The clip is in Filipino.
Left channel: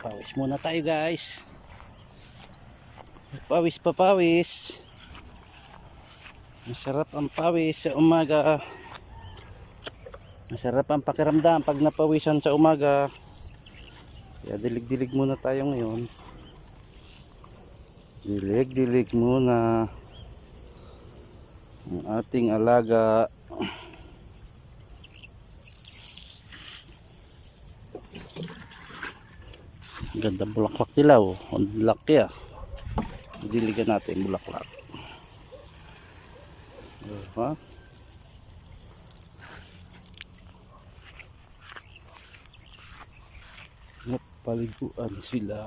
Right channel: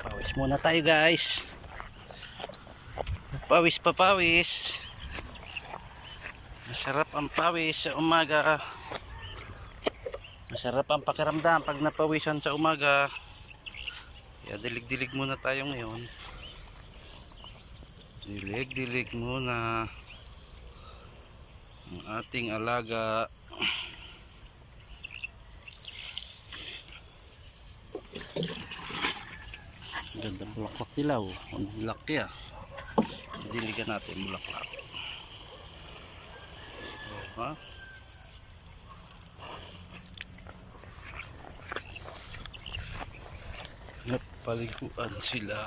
Pawis muna tayo guys. Pawis pa pawis. Masarap ang pawis sa umaga. Masarap ang pakiramdam pag napawisan sa umaga. Kaya dilig-dilig muna tayo ngayon. Dilig-dilig muna ang ating alaga. Ganda bulaklak dilaw. Ang laki ah. Diligan natin bulaklak. Diba? Napaliguan sila.